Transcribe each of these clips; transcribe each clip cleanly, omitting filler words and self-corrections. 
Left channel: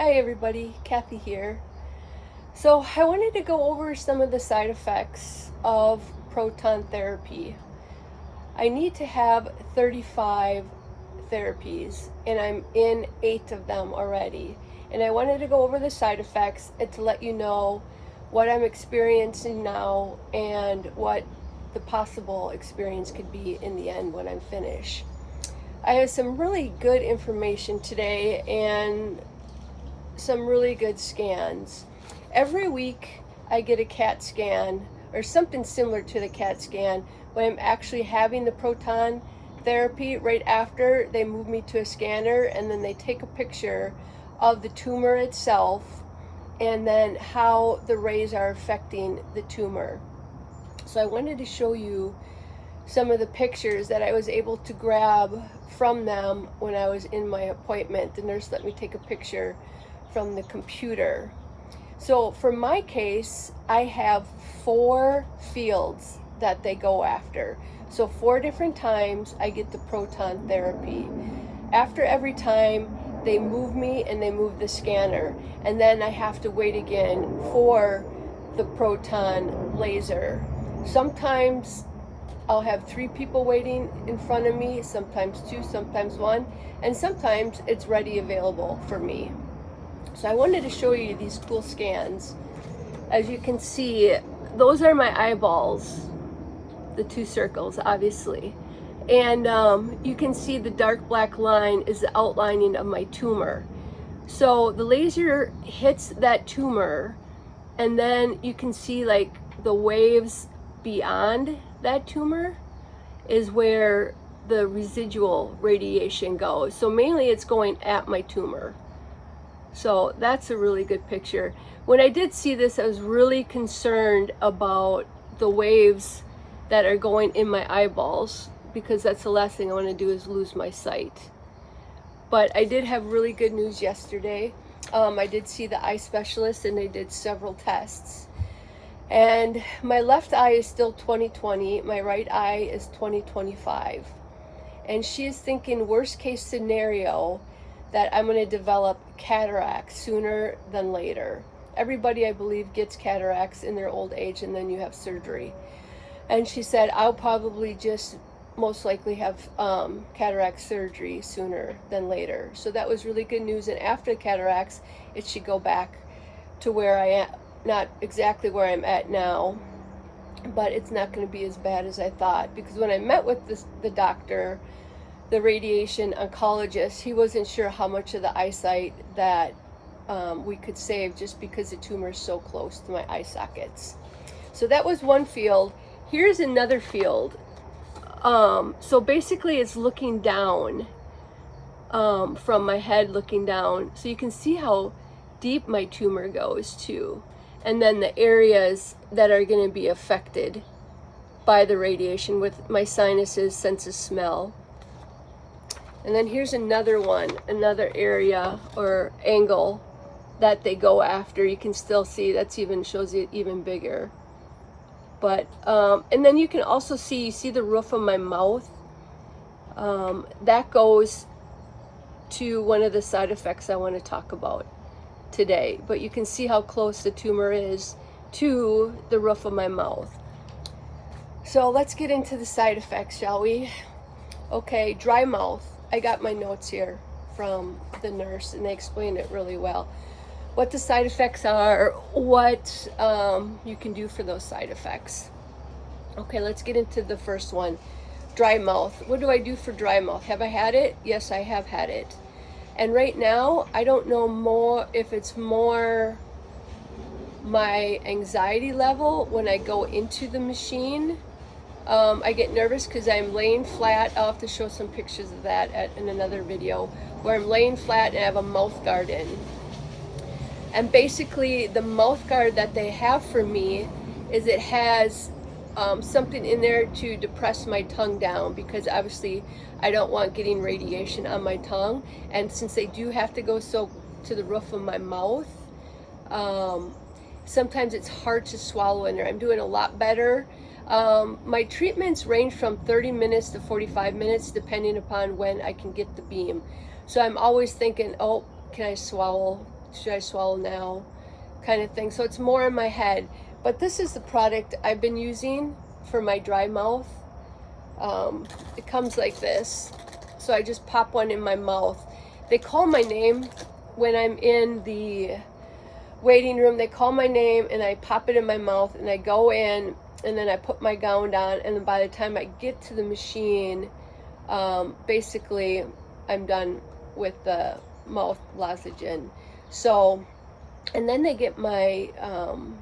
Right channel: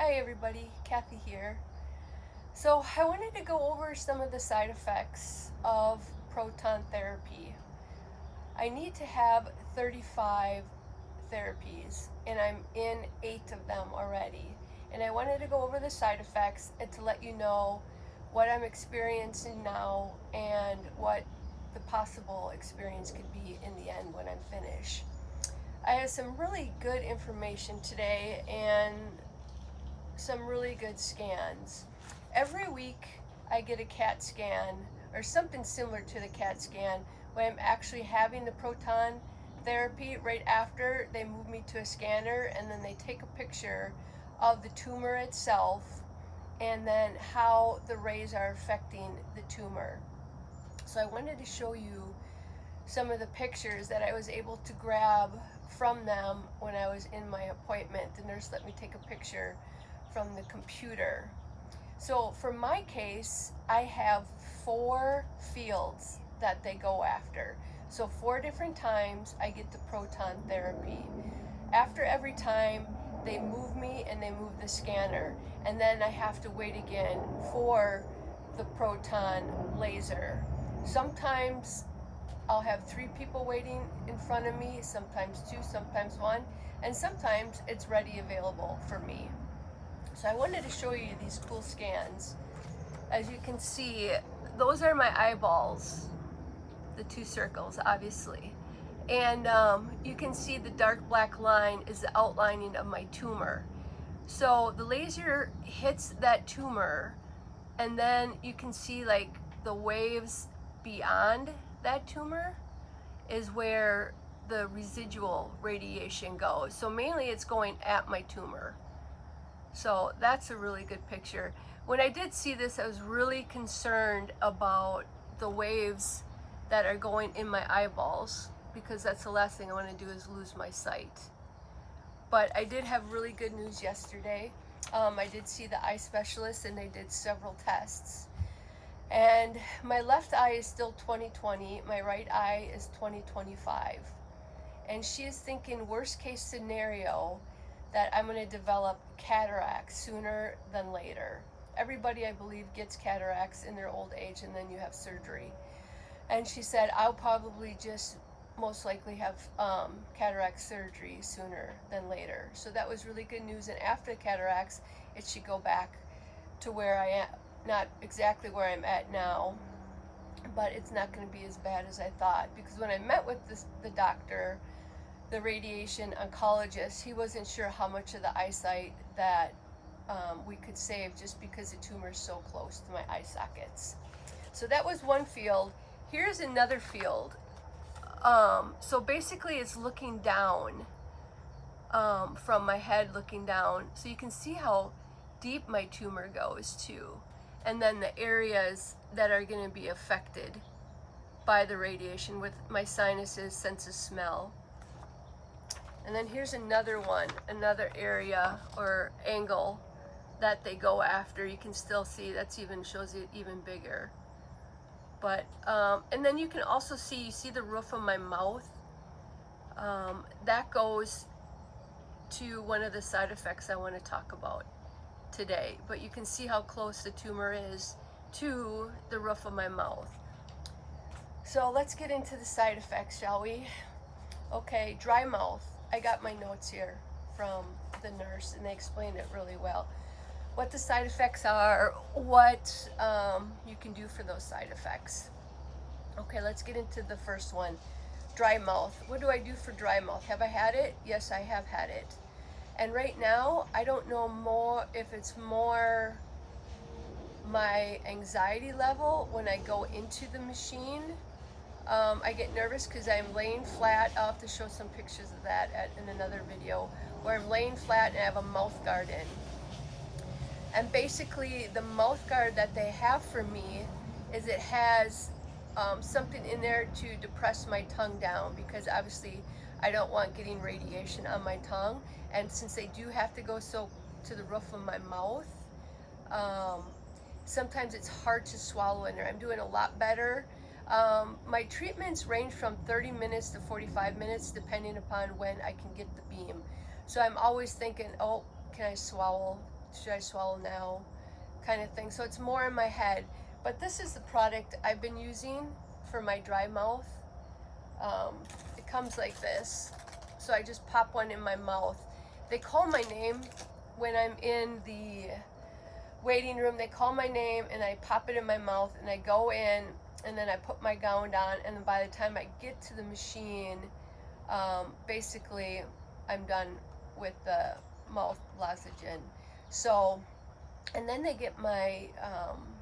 Hi everybody, Kathy here. So I wanted to go over some of the side effects of proton therapy. I need to have 35 therapies and I'm in 8 of them already. And I wanted to go over the side effects and to let you know what I'm experiencing now and what the possible experience could be in the end when I'm finished. I have some really good information today and some really good scans. Every week I get a CAT scan or something similar to the CAT scan when I'm actually having the proton therapy. Right after, they move me to a scanner and then they take a picture of the tumor itself and then how the rays are affecting the tumor. So I wanted to show you some of the pictures that I was able to grab from them when I was in my appointment. The nurse let me take a picture from the computer. So for my case, I have 4 fields that they go after. So 4 different times I get the proton therapy. After every time, they move me and they move the scanner, and then I have to wait again for the proton laser. Sometimes I'll have 3 people waiting in front of me, sometimes 2, sometimes 1, and sometimes it's ready available for me. So I wanted to show you these cool scans. As you can see, those are my eyeballs, the 2 circles, obviously. And you can see the dark black line is the outlining of my tumor. So the laser hits that tumor, and then you can see like the waves beyond that tumor is where the residual radiation goes. So mainly it's going at my tumor. So that's a really good picture. When I did see this, I was really concerned about the waves that are going in my eyeballs, because that's the last thing I want to do is lose my sight. But I did have really good news yesterday. I did see the eye specialist and they did several tests. And my left eye is still 20/20, my right eye is 20/25. And she is thinking worst case scenario that I'm going to develop cataracts sooner than later. Everybody, I believe, gets cataracts in their old age and then you have surgery. And she said, I'll probably just most likely have cataract surgery sooner than later. So that was really good news. And after cataracts, it should go back to where I am, not exactly where I'm at now, but it's not going to be as bad as I thought. Because when I met with the doctor, the radiation oncologist, he wasn't sure how much of the eyesight that we could save just because the tumor is so close to my eye sockets. So that was one field. Here's another field. So basically it's looking down from my head, looking down. So you can see how deep my tumor goes too. And then the areas that are going to be affected by the radiation with my sinuses, sense of smell. And then here's another one, another area or angle that they go after. You can still see that's even shows it even bigger. But and then you can also see, you see the roof of my mouth. That goes to one of the side effects I want to talk about today. But you can see how close the tumor is to the roof of my mouth. So let's get into the side effects, shall we? Okay, dry mouth. I got my notes here from the nurse and they explained it really well. What the side effects are, what you can do for those side effects. Okay, let's get into the first one, dry mouth. What do I do for dry mouth? Have I had it? Yes, I have had it. And right now, I don't know more if it's more my anxiety level when I go into the machine. I get nervous because I'm laying flat. I'll have to show some pictures of that in another video, where I'm laying flat and I have a mouth guard in. And basically the mouth guard that they have for me is it has something in there to depress my tongue down, because obviously I don't want getting radiation on my tongue. And since they do have to go so to the roof of my mouth, sometimes it's hard to swallow in there. I'm doing a lot better. My treatments range from 30 minutes to 45 minutes depending upon when I can get the beam. So I'm always thinking, oh, can I swallow should I swallow now, kind of thing. So it's more in my head. But this is the product I've been using for my dry mouth. It comes like this. So I just pop one in my mouth. They call my name when I'm in the waiting room. They call my name and I pop it in my mouth and I go in and then I put my gown on, and then by the time I get to the machine, basically I'm done with the mouth lozenge in. So, and then they get my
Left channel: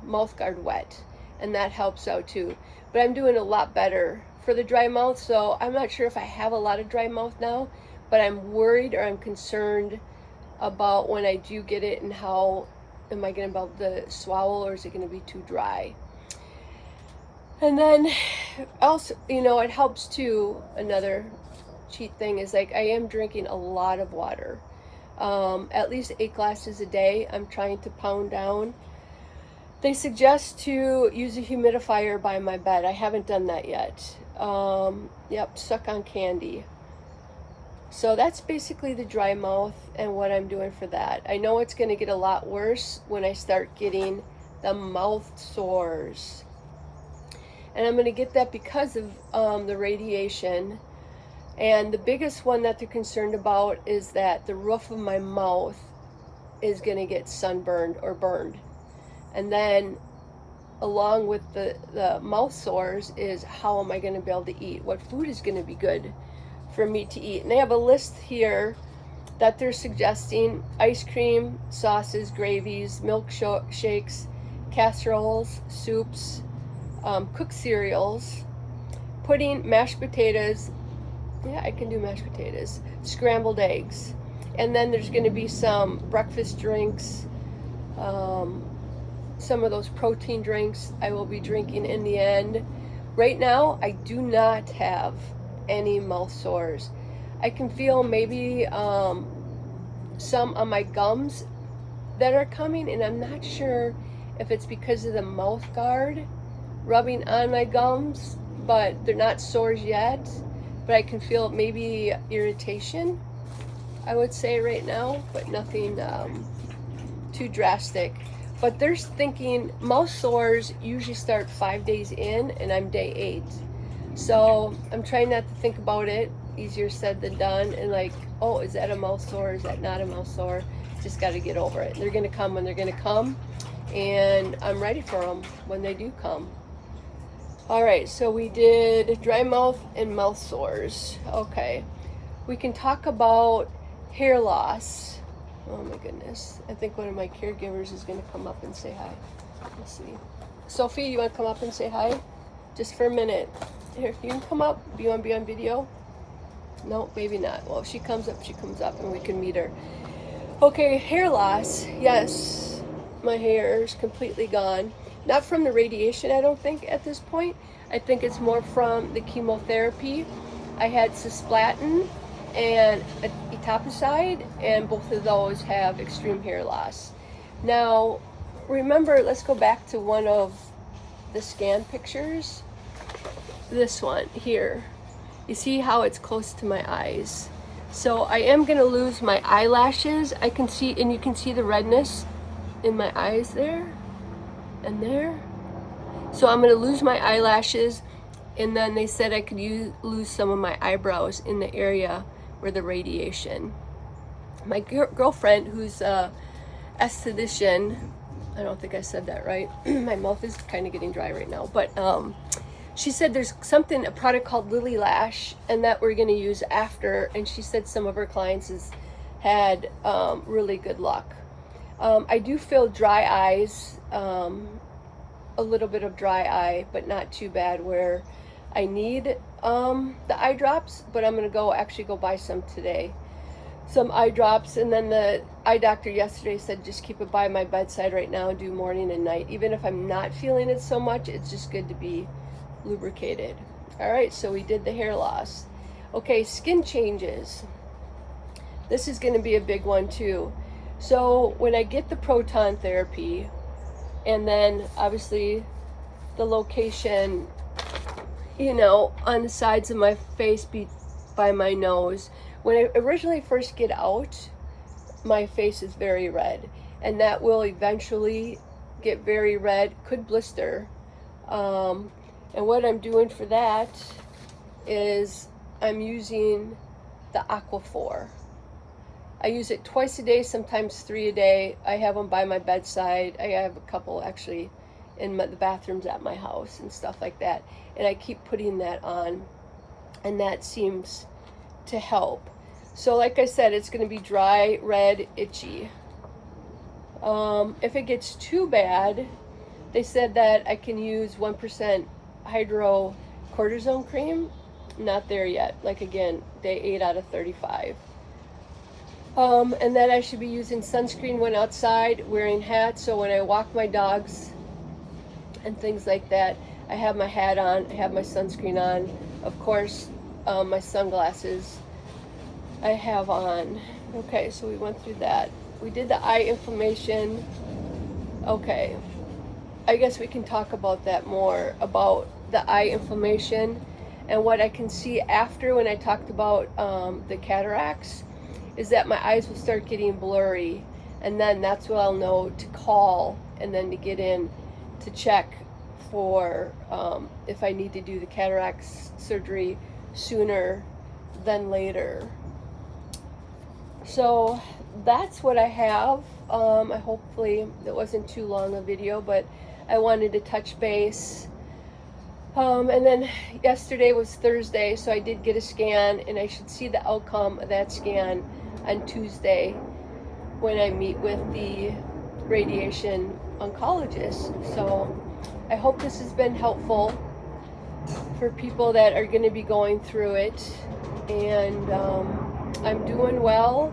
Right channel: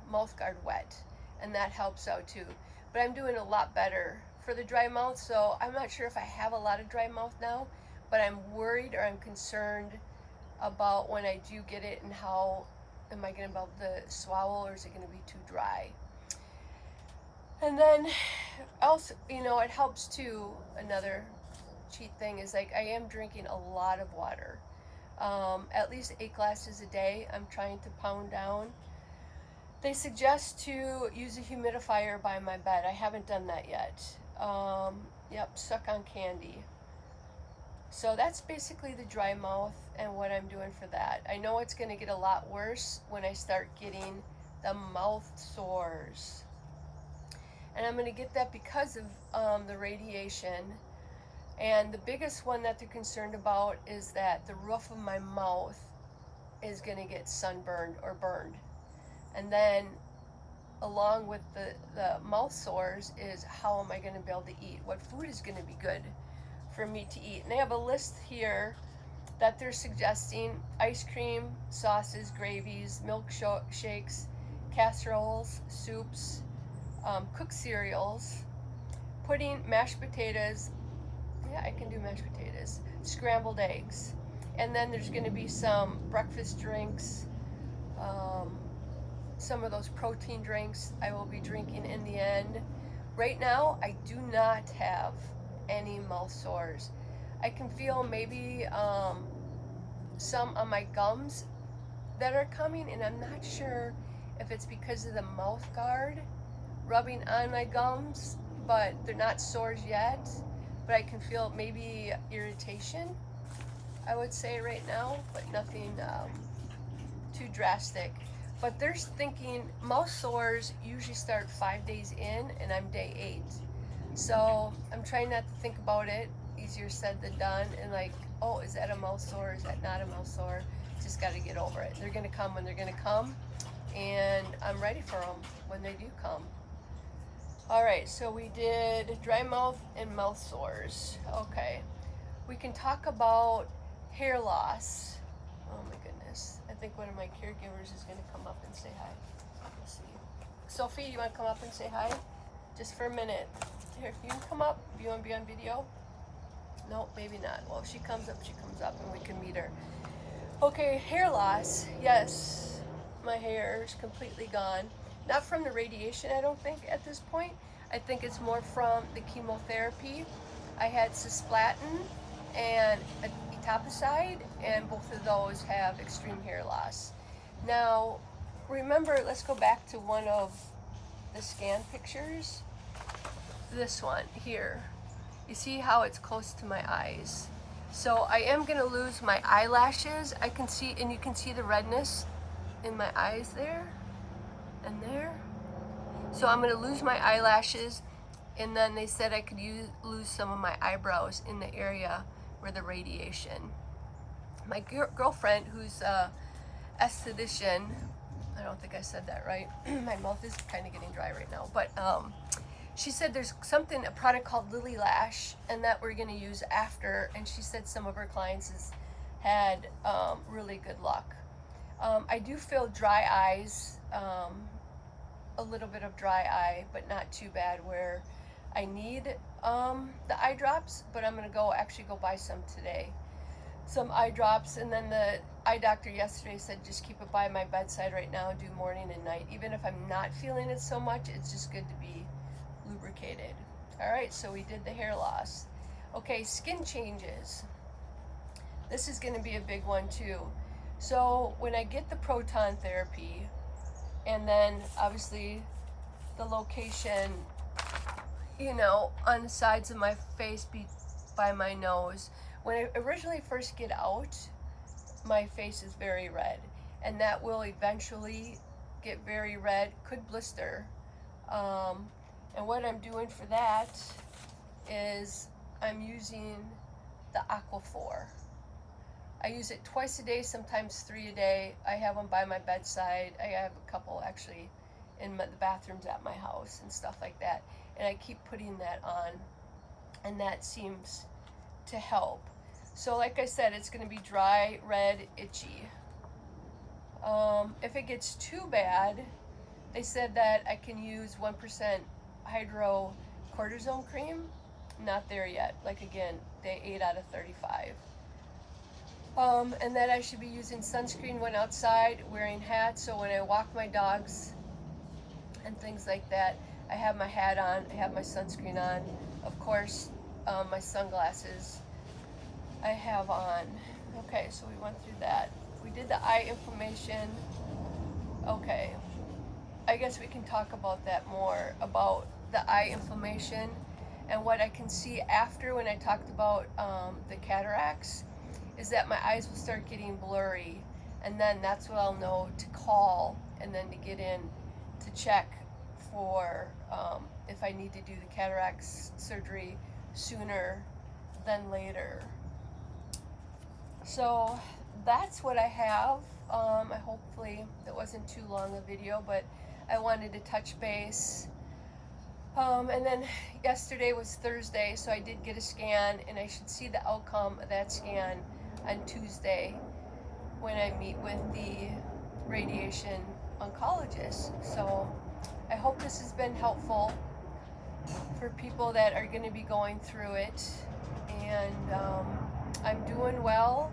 mouth guard wet, and that helps out too. But I'm doing a lot better for the dry mouth, so I'm not sure if I have a lot of dry mouth now, but I'm worried or I'm concerned about when I do get it, and how am I going to be able to swallow, or is it going to be too dry? And then also, you know, it helps too. Another cheat thing is, like, I am drinking a lot of water, at least 8 glasses a day. I'm trying to pound down. They suggest to use a humidifier by my bed. I haven't done that yet. Yep, suck on candy. So that's basically the dry mouth and what I'm doing for that. I know it's going to get a lot worse when I start getting the mouth sores. And I'm going to get that because of the radiation. And the biggest one that they're concerned about is that the roof of my mouth is going to get sunburned or burned. And then along with the mouth sores is, how am I going to be able to eat? What food is going to be good for me to eat? And they have a list here that they're suggesting: ice cream, sauces, gravies, milkshakes, casseroles, soups, cooked cereals, pudding, mashed potatoes. Yeah, I can do mashed potatoes. Scrambled eggs. And then there's going to be some breakfast drinks, some of those protein drinks I will be drinking in the end. Right now, I do not have any mouth sores. I can feel maybe some on my gums that are coming, and I'm not sure if it's because of the mouth guard rubbing on my gums, but they're not sores yet. But I can feel maybe irritation, I would say, right now, but nothing too drastic. But they're thinking mouth sores usually start 5 days in, and I'm day 8. So I'm trying not to think about it. Easier said than done. And like, oh, is that a mouth sore? Is that not a mouth sore? Just got to get over it. They're going to come when they're going to come, and I'm ready for them when they do come. All right, so we did dry mouth and mouth sores. Okay, we can talk about hair loss. Oh my goodness. I think one of my caregivers is going to come up and say hi. Let's see. Sophie, you want to come up and say hi? Just for a minute. Here, you can come up. Do you want to be on video? No, maybe not. Well, if she comes up, she comes up and we can meet her. Okay, hair loss. Yes, my hair is completely gone. Not from the radiation, I don't think, at this point. I think it's more from the chemotherapy. I had cisplatin and etoposide, and both of those have extreme hair loss. Now, remember, let's go back to one of the scan pictures. This one here. You see how it's close to my eyes. So I am going to lose my eyelashes. I can see, and you can see the redness in my eyes there and there. So I'm going to lose my eyelashes, and then they said I could lose some of my eyebrows in the area where the radiation. My girlfriend, who's a esthetician, I don't think I said that right. My mouth is kind of getting dry right now, but she said there's a product called Lily Lash, and that we're going to use after, and she said some of her clients has had really good luck. I do feel dry eyes, a little bit of dry eye, but not too bad where I need the eye drops, but I'm going to actually go buy some today. Some eye drops, and then the eye doctor yesterday said just keep it by my bedside right now and do morning and night. Even if I'm not feeling it so much, it's just good to be lubricated. All right, so we did the hair loss. Okay, skin changes. This is going to be a big one too. So when I get the proton therapy, and then obviously the location, you know, on the sides of my face by my nose. When I originally first get out, my face is very red. and that will eventually get very red, could blister. And what I'm doing for that is I'm using the Aquaphor. I use it twice a day, sometimes 3 a day. I have them by my bedside. I have a couple actually in the bathrooms at my house and stuff like that. And I keep putting that on, and that seems to help. So like I said, it's going to be dry, red, itchy. If it gets too bad, they said that I can use 1% hydrocortisone cream. Not there yet. Like again, day 8 out of 35. And then I should be using sunscreen when outside, wearing hats, so when I walk my dogs and things like that, I have my hat on, I have my sunscreen on, of course, my sunglasses I have on. Okay, so we went through that. We did the eye inflammation. Okay, I guess we can talk about that more, about the eye inflammation and what I can see after when I talked about the cataracts. Is that my eyes will start getting blurry, and then that's when I'll know to call and then to get in to check for if I need to do the cataract surgery sooner than later. So that's what I have. Hopefully that wasn't too long a video, but I wanted to touch base. And then yesterday was Thursday, so I did get a scan, and I should see the outcome of that scan on Tuesday when I meet with the radiation oncologist. So I hope this has been helpful for people that are going to be going through it. And I'm doing well.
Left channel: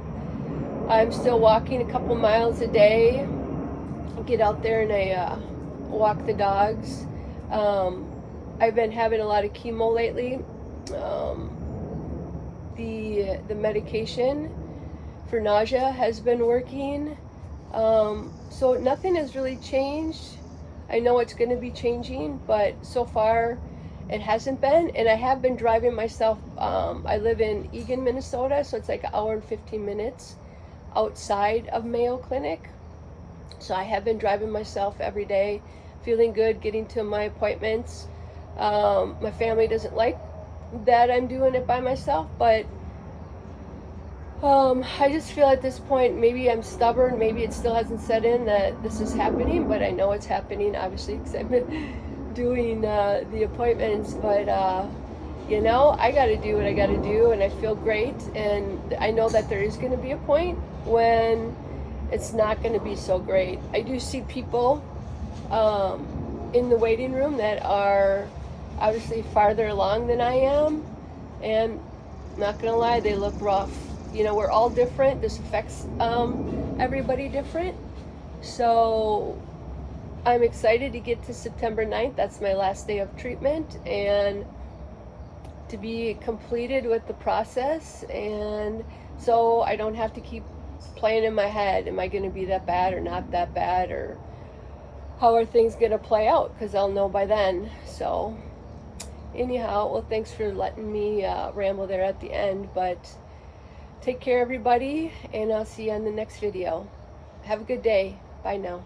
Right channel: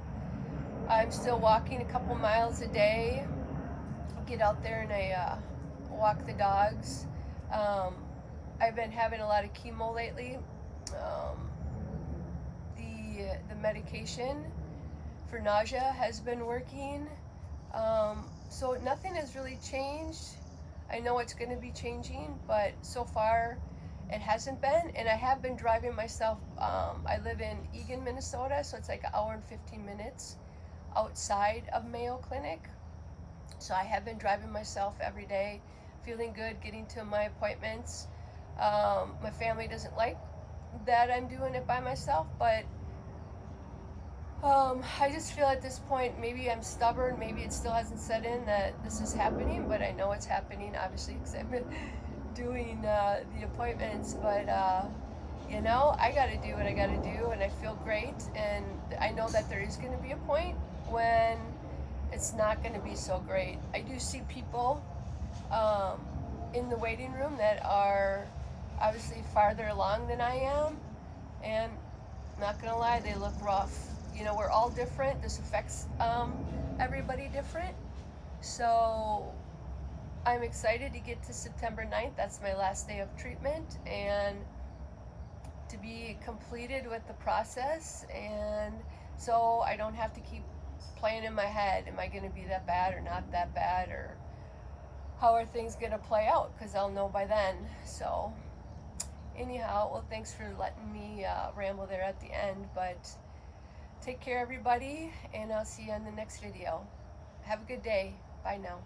I'm still walking a couple miles a day. Get out there and I walk the dogs. I've been having a lot of chemo lately. The medication for nausea has been working. So nothing has really changed. I know it's going to be changing, but so far it hasn't been. And I have been driving myself. I live in Eagan, Minnesota, so it's like an hour and 15 minutes outside of Mayo Clinic. So I have been driving myself every day, feeling good, getting to my appointments. My family doesn't like that I'm doing it by myself, but I just feel at this point, maybe I'm stubborn, maybe it still hasn't set in that this is happening, but I know it's happening, obviously, because I've been doing the appointments. But you know, I got to do what I got to do, and I feel great, and I know that there is going to be a point when it's not going to be so great. I do see people in the waiting room that are obviously farther along than I am, and not gonna lie, they look rough. You know, we're all different. This affects everybody different. So I'm excited to get to September 9th. That's my last day of treatment, and to be completed with the process, and so I don't have to keep playing in my head, am I going to be that bad or not that bad, or how are things going to play out, because I'll know by then. So anyhow, well, thanks for letting me ramble there at the end, but take care everybody, and I'll see you on the next video. Have a good day. Bye now.